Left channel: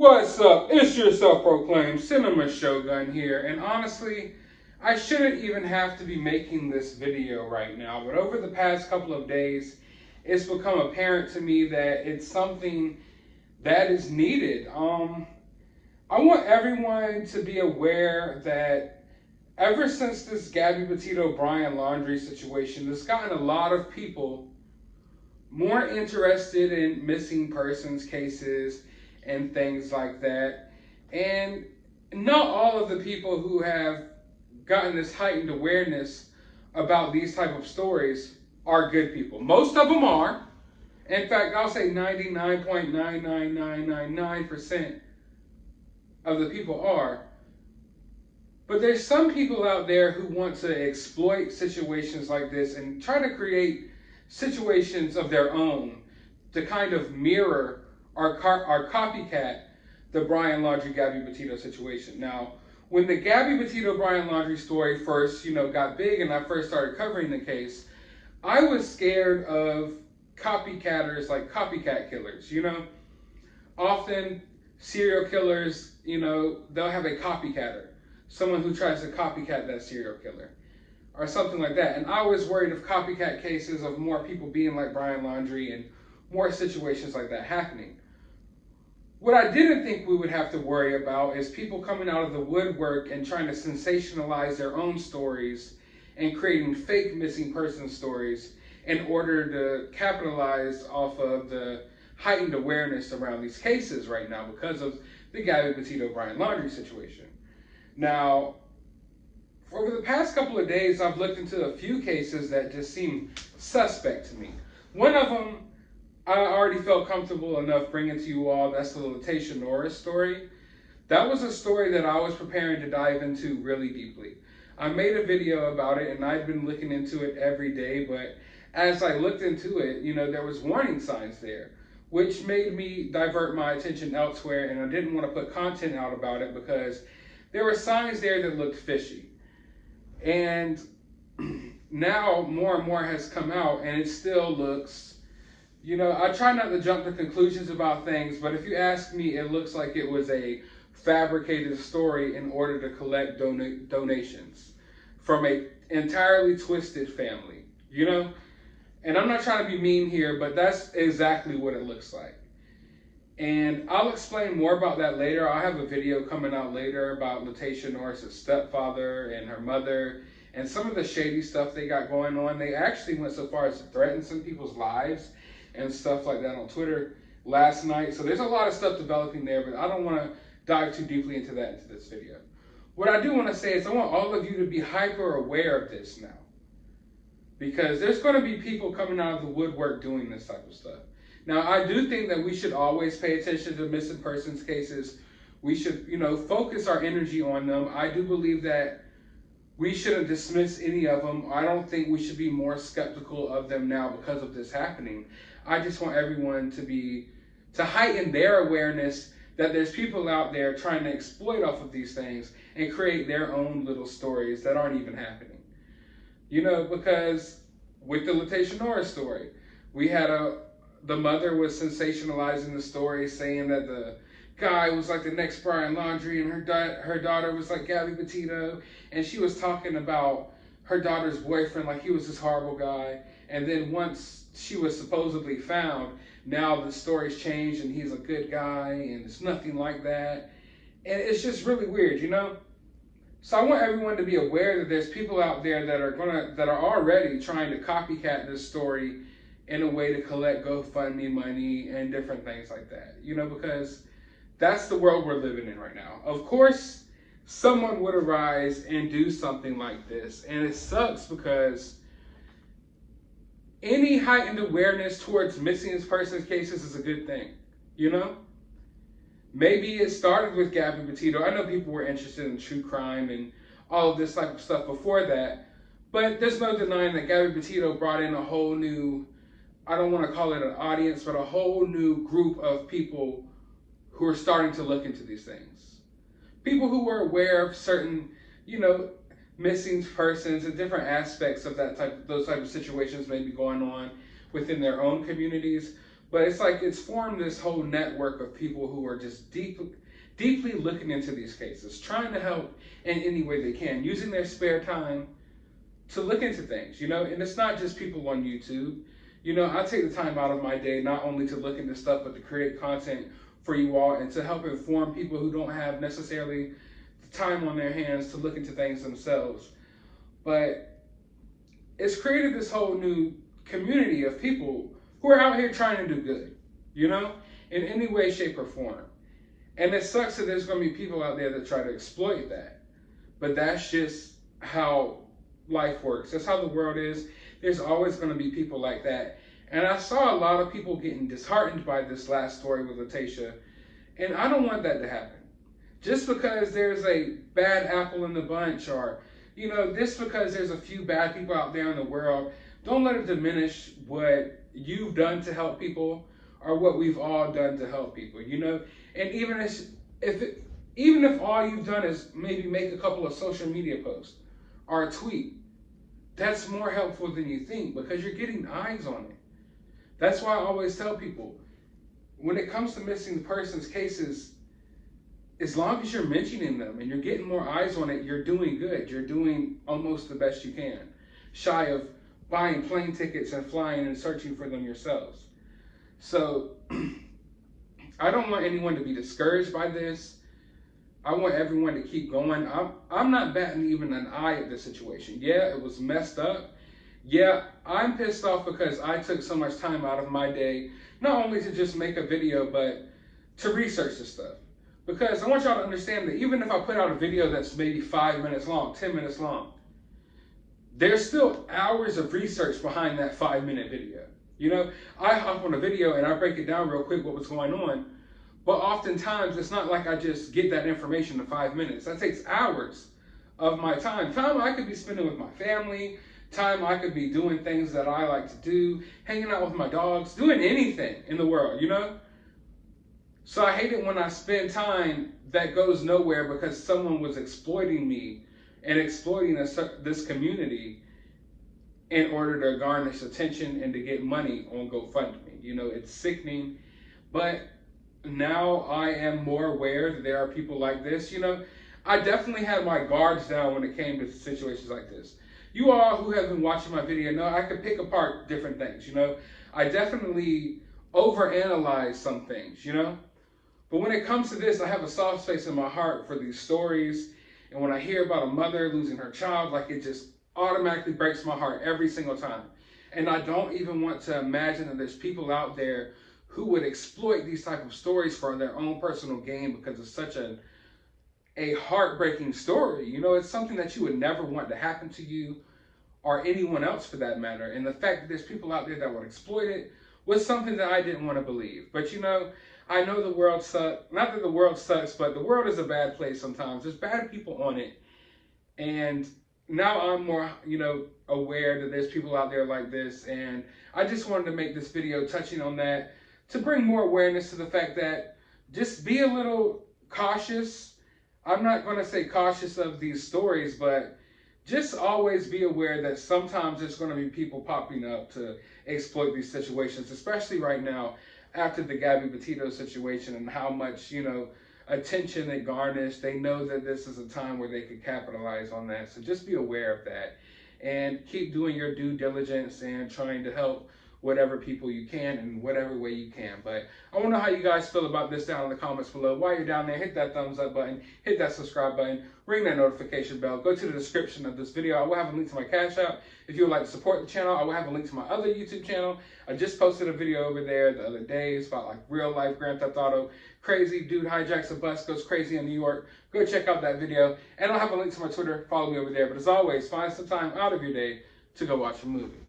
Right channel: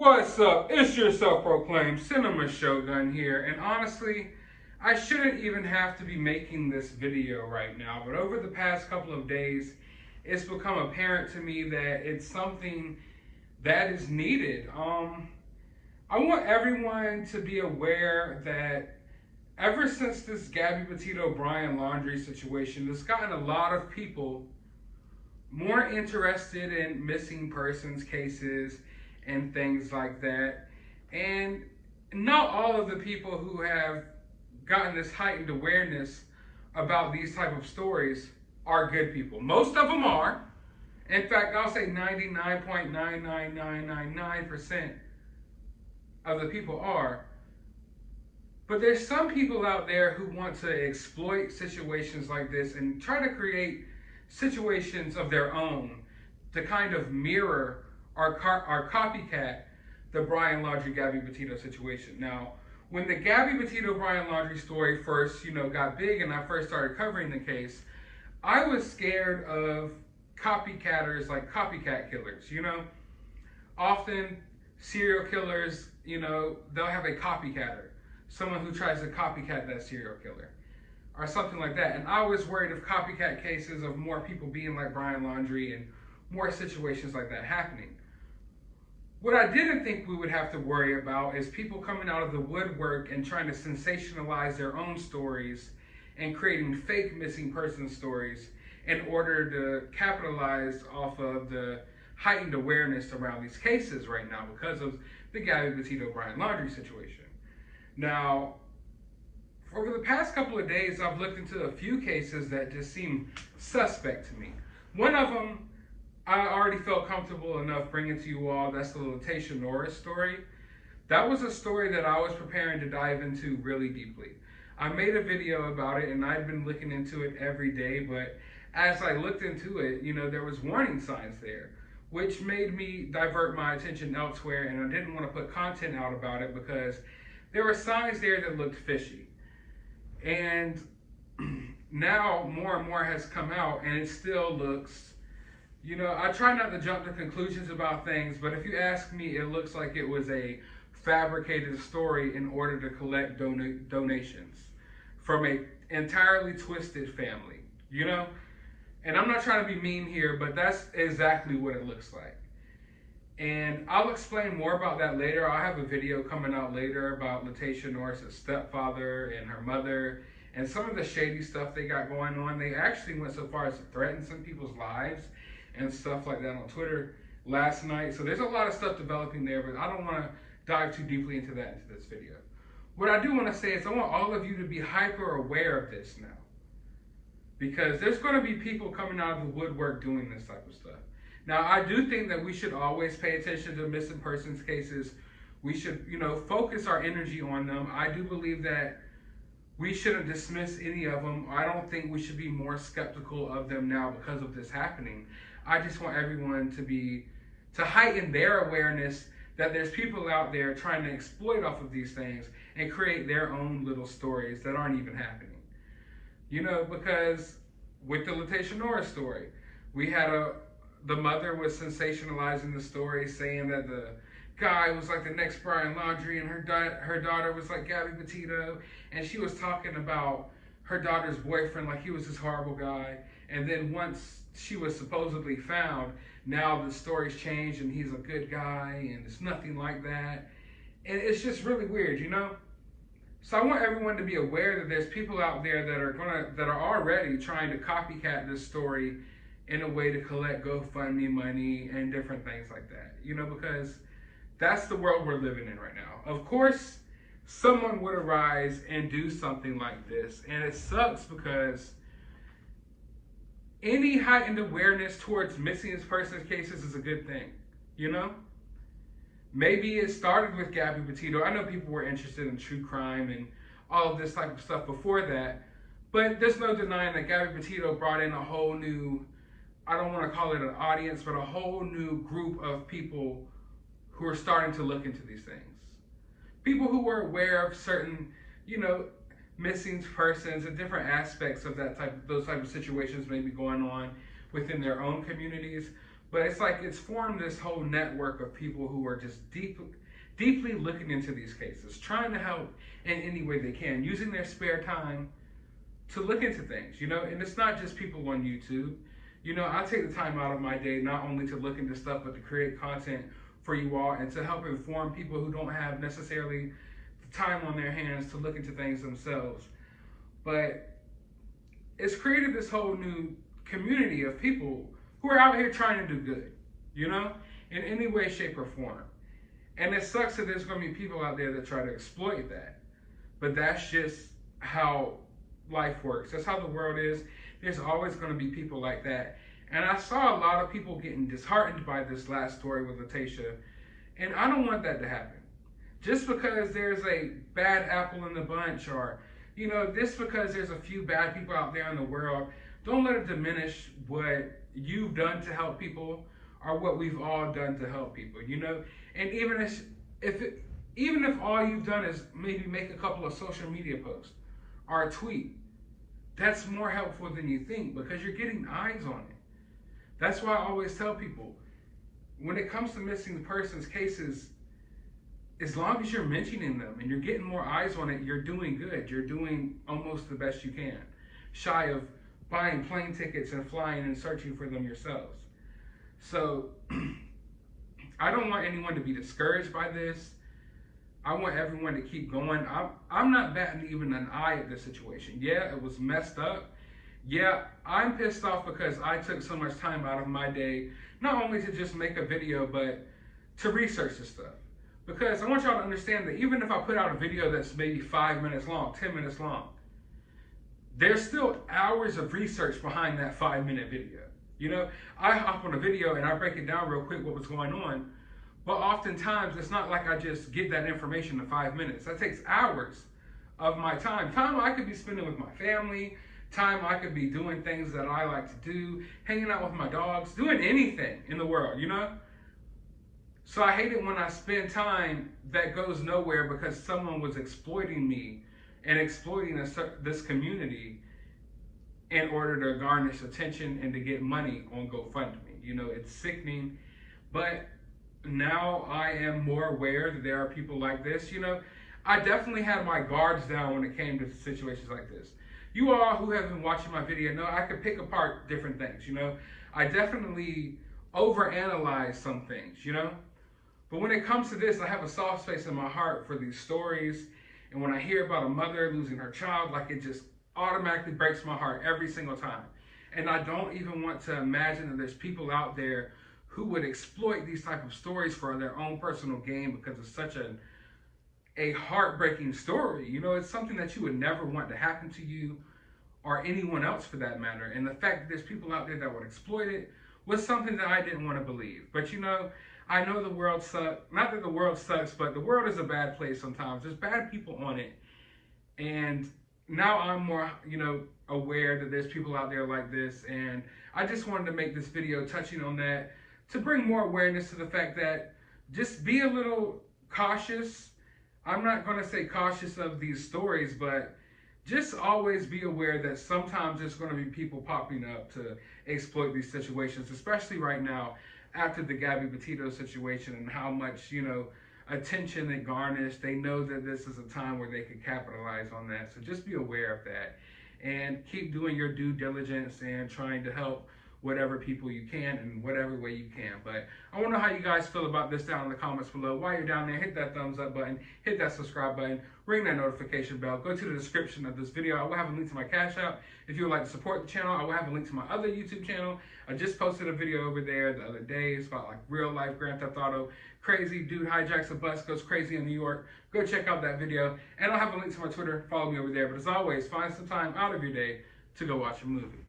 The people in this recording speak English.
What's up? It's your self-proclaimed cinema shogun here, and honestly, I shouldn't even have to be making this video right now, but over the past couple of days, it's become apparent to me that it's something that is needed. I want everyone to be aware that ever since this Gabby Petito Brian Laundrie situation, it's gotten a lot of people more interested in missing persons cases and things like that. And not all of the people who have gotten this heightened awareness about these type of stories are good people. Most of them are. In fact, I'll say 99.99999% of the people are. But there's some people out there who want to exploit situations like this and try to create situations of their own to kind of mirror or copycat the Brian Laundrie Gabby Petito situation. Now, when the Gabby Petito Brian Laundrie story first, got big and I first started covering the case, I was scared of copycatters, like copycat killers. Often serial killers, they'll have a copycatter, someone who tries to copycat that serial killer or something like that. And I was worried of copycat cases of more people being like Brian Laundrie and more situations like that happening. What I didn't think we would have to worry about is people coming out of the woodwork and trying to sensationalize their own stories and creating fake missing person stories in order to capitalize off of the heightened awareness around these cases right now because of the Gabby Petito Brian Laundrie situation. Now, over the past couple of days, I've looked into a few cases that just seem suspect to me. One of them I already felt comfortable enough bringing to you all. That's the Latasha Norris story. That was a story that I was preparing to dive into really deeply. I made a video about it and I'd been looking into it every day, but as I looked into it, there was warning signs there, which made me divert my attention elsewhere, and I didn't want to put content out about it because there were signs there that looked fishy. And now more and more has come out and it still looks, I try not to jump to conclusions about things, but if you ask me, it looks like it was a fabricated story in order to collect donations from a entirely twisted family, And I'm not trying to be mean here, but that's exactly what it looks like. And I'll explain more about that later. I'll have a video coming out later about Latasha Norris' stepfather and her mother and some of the shady stuff they got going on. They actually went so far as to threaten some people's lives and stuff like that on Twitter last night. So there's a lot of stuff developing there, but I don't want to dive too deeply into that into this video. What I do want to say is I want all of you to be hyper aware of this now, because there's going to be people coming out of the woodwork doing this type of stuff. Now, I do think that we should always pay attention to missing persons cases. We should, focus our energy on them. I do believe that we shouldn't dismiss any of them. I don't think we should be more skeptical of them now because of this happening. I just want everyone to heighten their awareness that there's people out there trying to exploit off of these things and create their own little stories that aren't even happening. Because with the Latasha Norris story, we had the mother was sensationalizing the story, saying that the guy was like the next Brian Laundrie and her daughter was like Gabby Petito, and she was talking about her daughter's boyfriend like he was this horrible guy. And then once she was supposedly found, now the story's changed and he's a good guy and it's nothing like that. And it's just really weird, So I want everyone to be aware that there's people out there that are already trying to copycat this story in a way to collect GoFundMe money and different things like that, because that's the world we're living in right now. Of course, someone would arise and do something like this, and it sucks because any heightened awareness towards missing persons cases is a good thing, Maybe it started with Gabby Petito. I know people were interested in true crime and all of this type of stuff before that, but there's no denying that Gabby Petito brought in a whole new, I don't want to call it an audience, but a whole new group of people who are starting to look into these things. People who were aware of certain, missing persons and different aspects of those type of situations maybe going on within their own communities, But it's like it's formed this whole network of people who are just deeply looking into these cases, trying to help in any way they can, using their spare time to look into things, and it's not just people on YouTube. I take the time out of my day not only to look into stuff, but to create content for you all and to help inform people who don't have necessarily the time on their hands to look into things themselves. But it's created this whole new community of people who are out here trying to do good, in any way, shape, or form. And it sucks that there's going to be people out there that try to exploit that. But that's just how life works. That's how the world is. There's always going to be people like that. And I saw a lot of people getting disheartened by this last story with Latasha. And I don't want that to happen. Just because there's a bad apple in the bunch, or, just because there's a few bad people out there in the world, don't let it diminish what you've done to help people or what we've all done to help people, And even if all you've done is maybe make a couple of social media posts or a tweet, that's more helpful than you think, because you're getting eyes on it. That's why I always tell people, when it comes to missing persons cases, as long as you're mentioning them and you're getting more eyes on it, you're doing good. You're doing almost the best you can, shy of buying plane tickets and flying and searching for them yourselves. So I don't want anyone to be discouraged by this. I want everyone to keep going. I'm not batting even an eye at this situation. Yeah, it was messed up. Yeah, I'm pissed off because I took so much time out of my day, not only to just make a video, but to research this stuff. Because I want y'all to understand that even if I put out a video that's maybe 5 minutes long, 10 minutes long, there's still hours of research behind that 5-minute video. I hop on a video and I break it down real quick what was going on, but oftentimes it's not like I just get that information in 5 minutes. That takes hours of my time. Time I could be spending with my family, time I could be doing things that I like to do, hanging out with my dogs, doing anything in the world, So I hate it when I spend time that goes nowhere because someone was exploiting me and exploiting this community in order to garnish attention and to get money on GoFundMe. It's sickening, but now I am more aware that there are people like this. I definitely had my guards down when it came to situations like this. You all who have been watching my video know I could pick apart different things, I definitely overanalyze some things, But when it comes to this, I have a soft space in my heart for these stories. And when I hear about a mother losing her child, like, it just automatically breaks my heart every single time. And I don't even want to imagine that there's people out there who would exploit these type of stories for their own personal gain, because it's such a heartbreaking story. It's something that you would never want to happen to you or anyone else for that matter. And the fact that there's people out there that would exploit it was something that I didn't want to believe. But I know the world sucks. Not that the world sucks, but the world is a bad place sometimes. There's bad people on it. And now I'm more, aware that there's people out there like this. And I just wanted to make this video touching on that to bring more awareness to the fact that just be a little cautious. I'm not going to say cautious of these stories, but just always be aware that sometimes there's going to be people popping up to exploit these situations, especially right now after the Gabby Petito situation and how much, attention it garnished. They know that this is a time where they could capitalize on that. So just be aware of that and keep doing your due diligence and trying to help whatever people you can in whatever way you can. But I want to know how you guys feel about this down in the comments below. While you're down there, hit that thumbs up button, hit that subscribe button, ring that notification bell. Go to the description of this video. I will have a link to my CashApp. If you would like to support the channel, I will have a link to my other YouTube channel. I just posted a video over there the other day. It's about like real life Grand Theft Auto. Crazy dude hijacks a bus, goes crazy in New York. Go check out that video. And I'll have a link to my Twitter. Follow me over there. But as always, find some time out of your day to go watch a movie.